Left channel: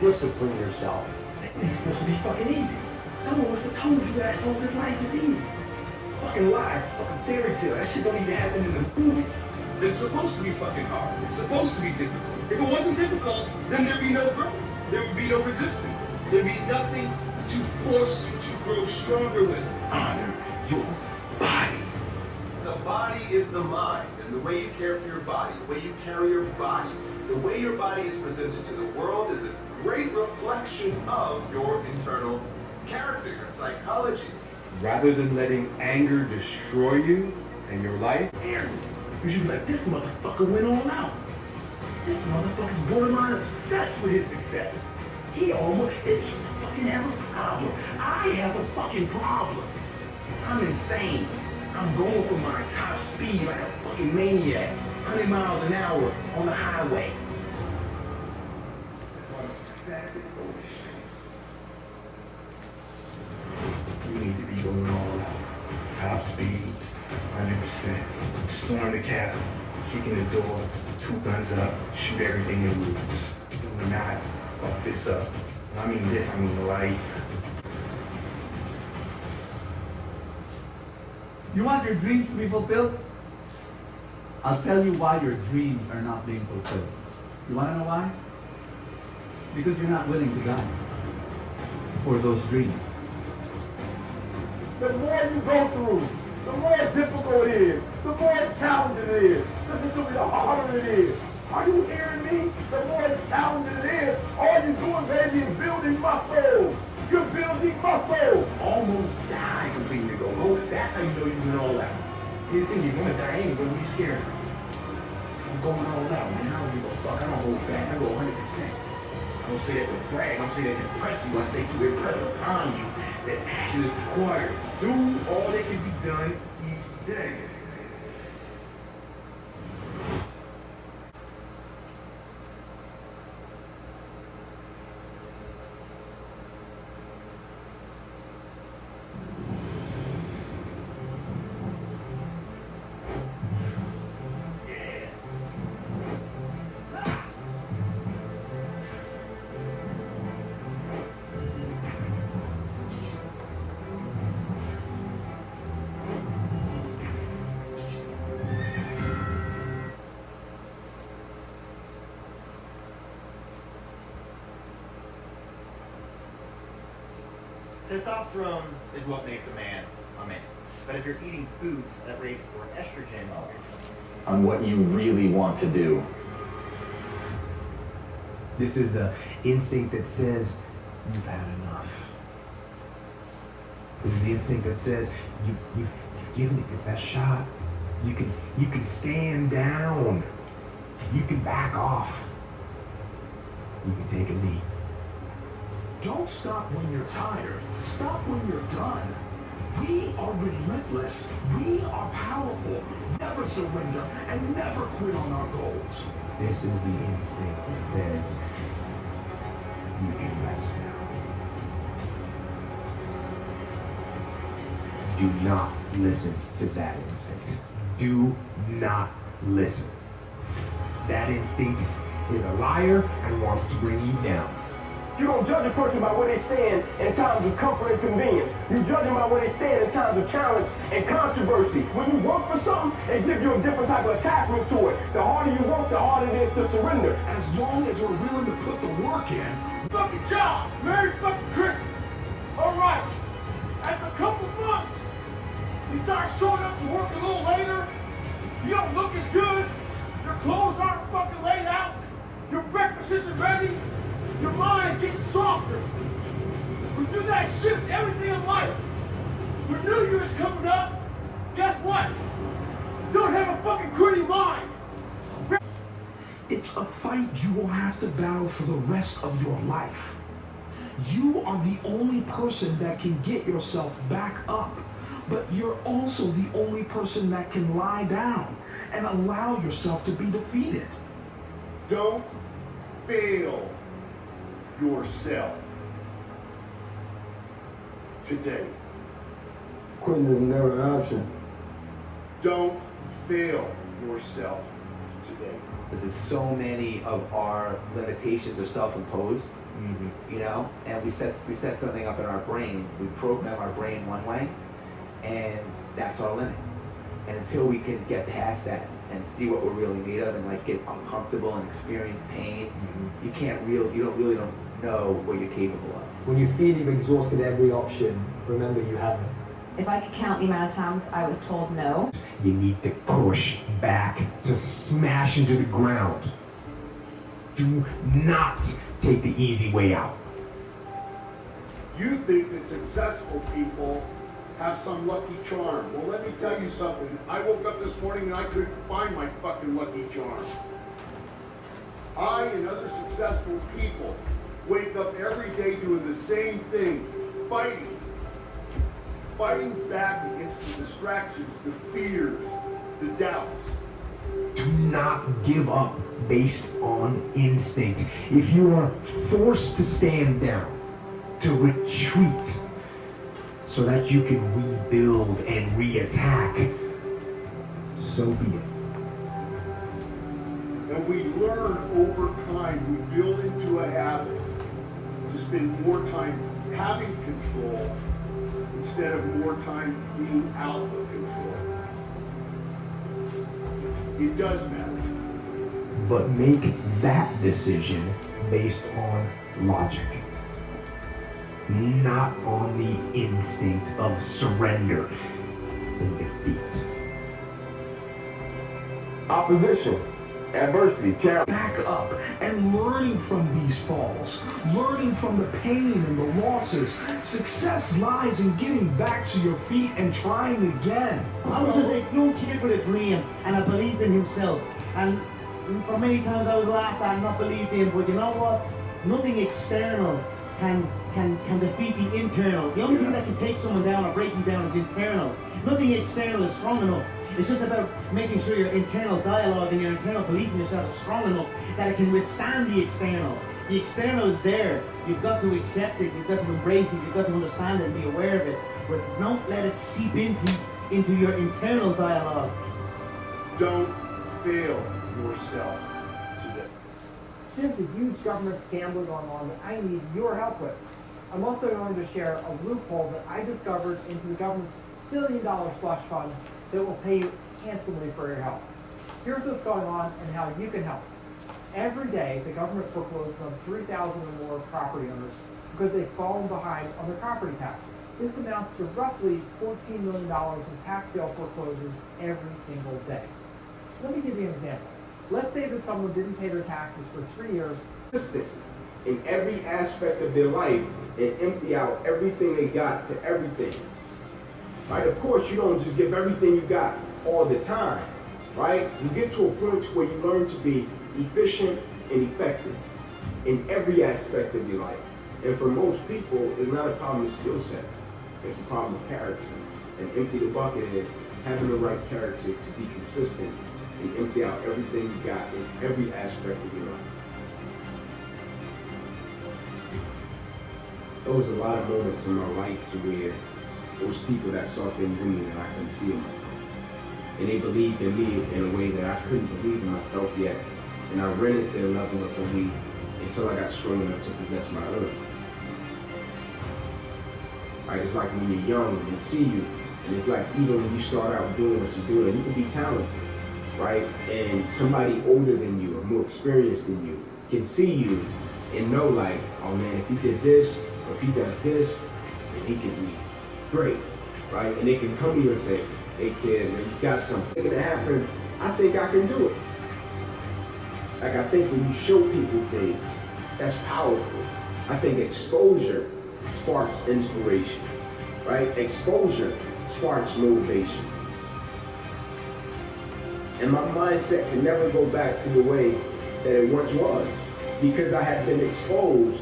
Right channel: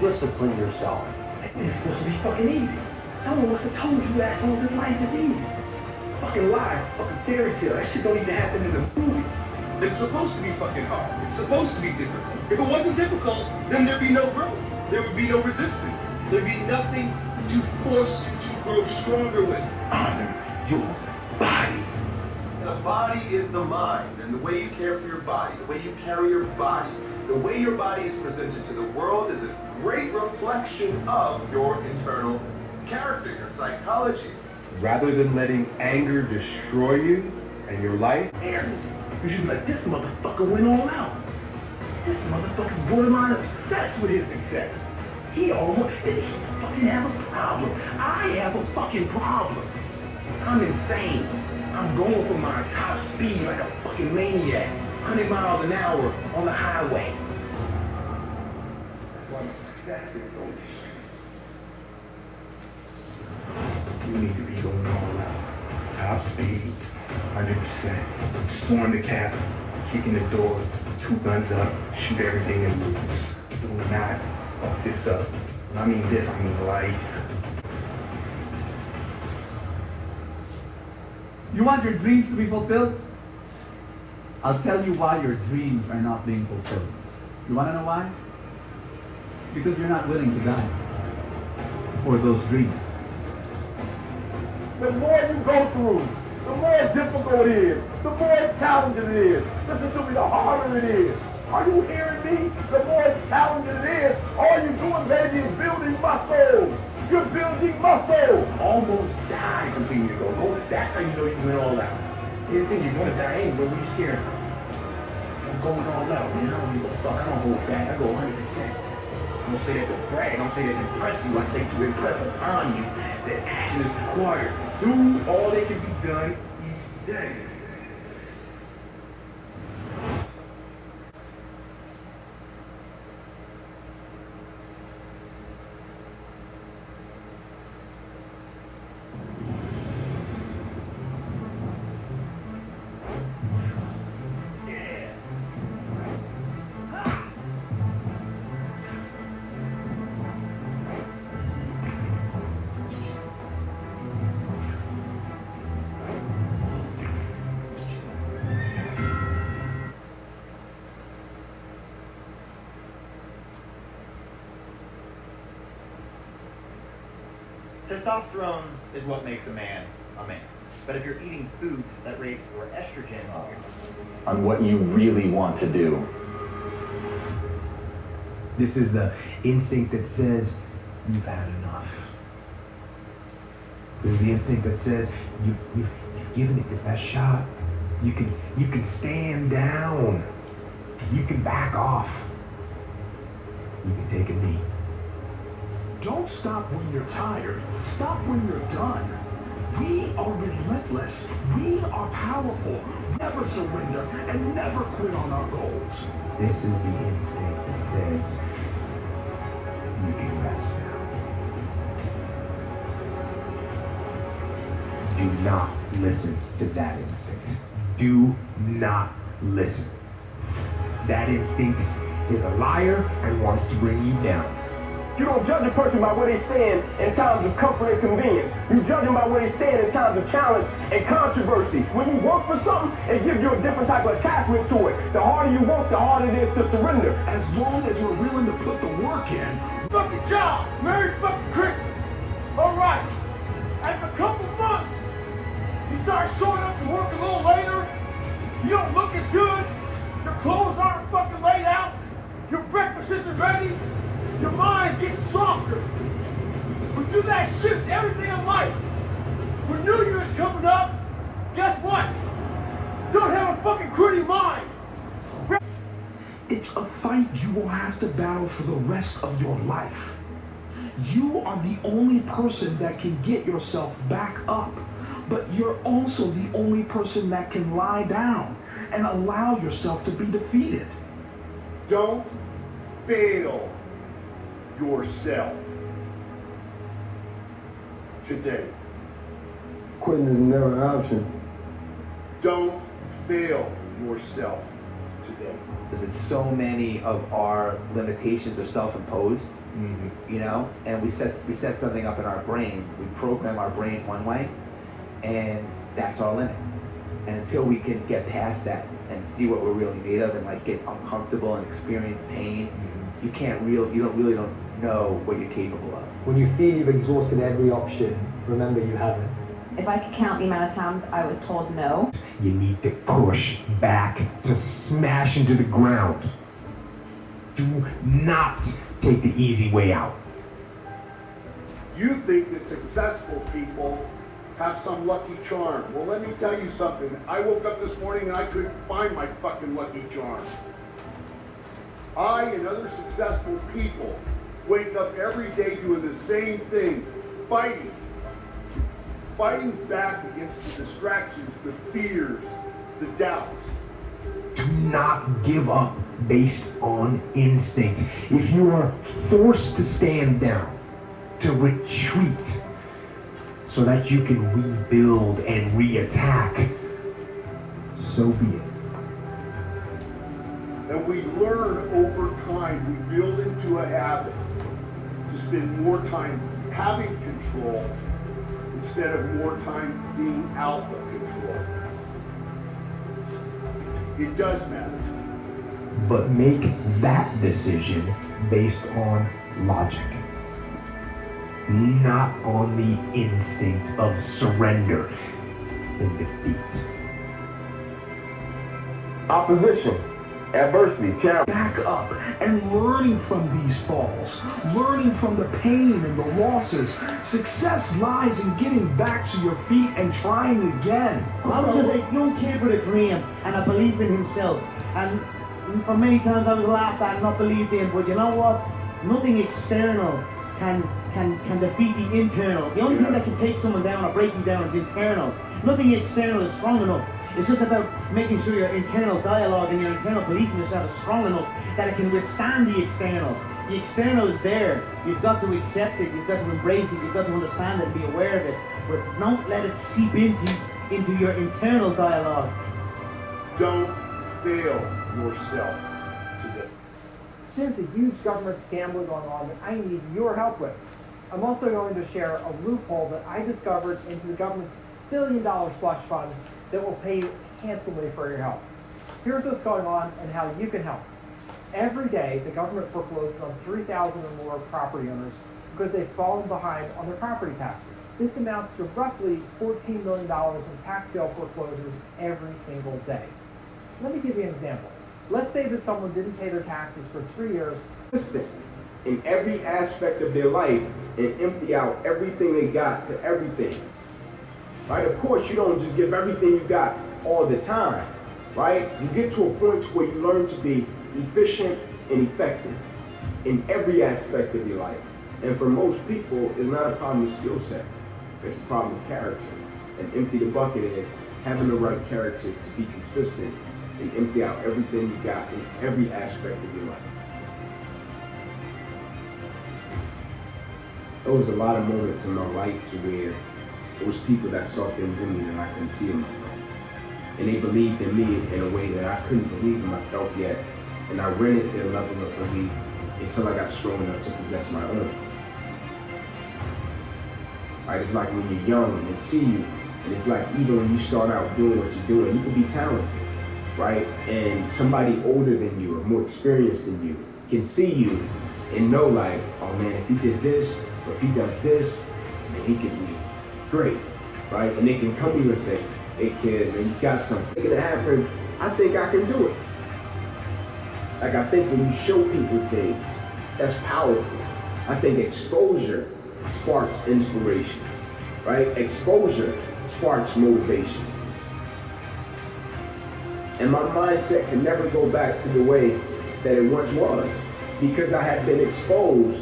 Discipline yourself. It's supposed to be fucking easy. Someone must have told you assholes that life is easy. It's fucking lies, fucking fairy tale. That shit don't even happen in the movies. It's supposed to be fucking hard. It's supposed to be difficult. If it wasn't difficult, then there'd be no growth. There would be no resistance. There'd be nothing to force you to grow stronger with. Honor your body. The body is the mind, and the way you care for your body, the way you carry your body, the way your body is presented to the world is a great reflection of your internal character, your psychology. Rather than letting anger destroy you and your life, Aaron, you should be like, this motherfucker went all out. This motherfucker's borderline obsessed with his success. He fucking has a problem. I have a fucking problem. I'm insane. I'm going for my top speed like a fucking maniac. 100 miles an hour on the highway. That's why the success is so shit. We need to be going all out. Top speed, 100%. Storm the castle, kicking the door, 2 guns up, shoot everything in moves. Do not fuck this up. I mean this, I mean life. You want your dreams to be fulfilled? I'll tell you why your dreams are not being fulfilled. You want to know why? Because you're not willing to die for those dreams. The more you go through, the more difficult it is, the more challenging it is. Listen to me, the harder it is. Are you hearing me? The more challenging it is, all you're doing, baby, is building muscle. You're building muscle. Almost died completely ago. Well, that's how you know you went all out. You think you're gonna die anyway, what are you scared of? I'm going all out, man. I don't give a fuck. I don't hold back. I go 100%. I don't say that to brag. I don't say that to impress you. I say to impress upon you that action is required. Do all that can be done each day. Testosterone is what makes a man a man. But if you're eating foods that raise more estrogen on what you really want to do. This is the instinct that says, you've had enough. This is the instinct that says, you've given it your best shot. You can stand down. You can back off. You can take a knee. Don't stop when you're tired. Stop when you're done. We are relentless. We are powerful. Never surrender and never quit on our goals. This is the instinct that says, you can rest now. Do not listen to that instinct. Do not listen. That instinct is a liar and wants to bring you down. You don't judge a person by where they stand in times of comfort and convenience. You judge them by where they stand in times of challenge and controversy. When you work for something, it gives you a different type of attachment to it. The harder you work, the harder it is to surrender. As long as we're willing to put the work in. Fucking job! Merry fucking Christmas! Alright, after a couple months, you start showing up to work a little later, you don't look as good, your clothes aren't fucking laid out, your breakfast isn't ready, your mind's getting softer. We do that shit every day of life. When New Year's coming up, guess what? Don't have a fucking gritty mind. It's a fight you will have to battle for the rest of your life. You are the only person that can get yourself back up, but you're also the only person that can lie down and allow yourself to be defeated. Don't fail yourself today. quitting is never an option. Don't fail yourself today. Because it's so many of our limitations are self-imposed, you know, and we set something up in our brain. We program our brain one way, and that's our limit. And until we can get past that and see what we're really made of, and like get uncomfortable and experience pain, you don't know what you're capable of. When you feel you've exhausted every option, remember you haven't. If I could count the amount of times I was told no. You need to push back to smash into the ground. Do not take the easy way out. You think that successful people have some lucky charm. Well, let me tell you something. I woke up this morning and I couldn't find my fucking lucky charm. I and other successful people wake up every day doing the same thing, fighting back against the distractions, the fears, the doubts. Do not give up based on instinct. If you are forced to stand down, to retreat, so that you can rebuild and reattack, so be it. And we learn over time, we build into a habit to spend more time having control instead of more time being out of control. It does matter. But make that decision based on logic, not on the instinct of surrender and defeat. Opposition, adversity, challenge. Back up and learning from these falls, learning from the pain and the losses. Success lies in getting back to your feet and trying again. I was just a young kid with a dream and a belief in himself. And for many times I was laughed at and not believed in, but you know what? Nothing external can defeat the internal. The only thing that can take someone down or break you down is internal. Nothing external is strong enough. It's just about making sure your internal dialogue and your internal belief in yourself is strong enough that it can withstand the external. The external is there. You've got to accept it. You've got to embrace it. You've got to understand it, be aware of it. But don't let it seep into your internal dialogue. Don't fail yourself today. There's a huge government scandal going on that I need your help with. I'm also going to share a loophole that I discovered into the government's billion-dollar slush fund that will pay you handsomely for your help. Here's what's going on and how you can help. Every day, the government forecloses on 3,000 or more property owners because they've fallen behind on their property taxes. This amounts to roughly $14 million in tax sale foreclosures every single day. Let me give you an example. Let's say that someone didn't pay their taxes for 3 years. In every aspect of their life and empty out everything they got to everything. Right? Of course, you don't just give everything you got all the time, right? You get to a point where you learn to be efficient and effective in every aspect of your life. And for most people, it's not a problem of skill set. It's a problem of character. And empty the bucket is having the right character to be consistent and empty out everything you got in every aspect of your life. There was a lot of moments in my life to where there was people that saw things in me that I couldn't see in myself. And they believed in me in a way that I couldn't believe in myself yet. And I rented their level of belief until I got strong enough to possess my own. Right? It's like when you're young and see you, and it's like even when you start out doing what you're doing, you can be talented, right? And somebody older than you or more experienced than you can see you and know like, oh man, if he did this, or if he does this, then he can be great, right? And they can come to you and say, hey kid, you got something that happen, I think I can do it. Like I think when you show people things, that's powerful. I think exposure sparks inspiration, right? Exposure sparks motivation. And my mindset can never go back to the way that it once was because I have been exposed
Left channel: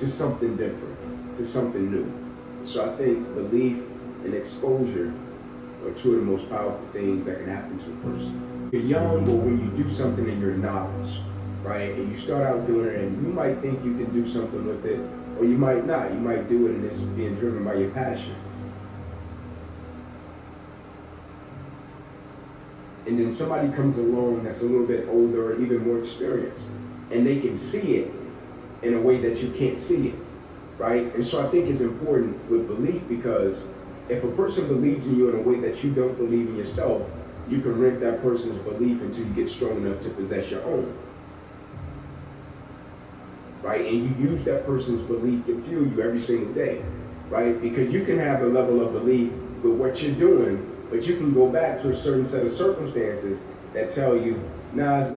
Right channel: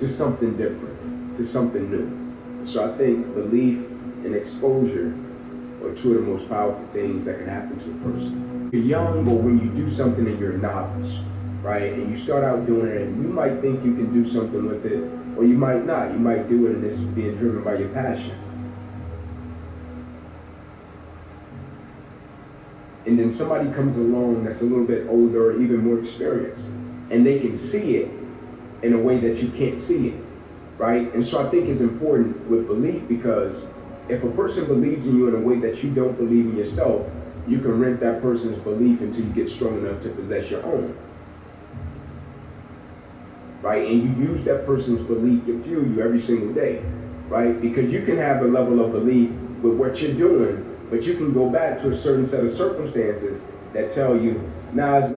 to something different, to something new. So I think belief and exposure are two of the most powerful things that can happen to a person. You're young, or when you do something and you're a novice, right? And you start out doing it and you might think you can do something with it, or you might not. You might do it and it's being driven by your passion. and then somebody comes along that's a little bit older or even more experienced, and they can see it in a way that you can't see it, right? And so I think it's important with belief, because if a person believes in you in a way that you don't believe in yourself, you can rent that person's belief until you get strong enough to possess your own. Right? And you use that person's belief to fuel you every single day, right? Because you can have a level of belief with what you're doing, but you can go back to a certain set of circumstances that tell you, nah, it's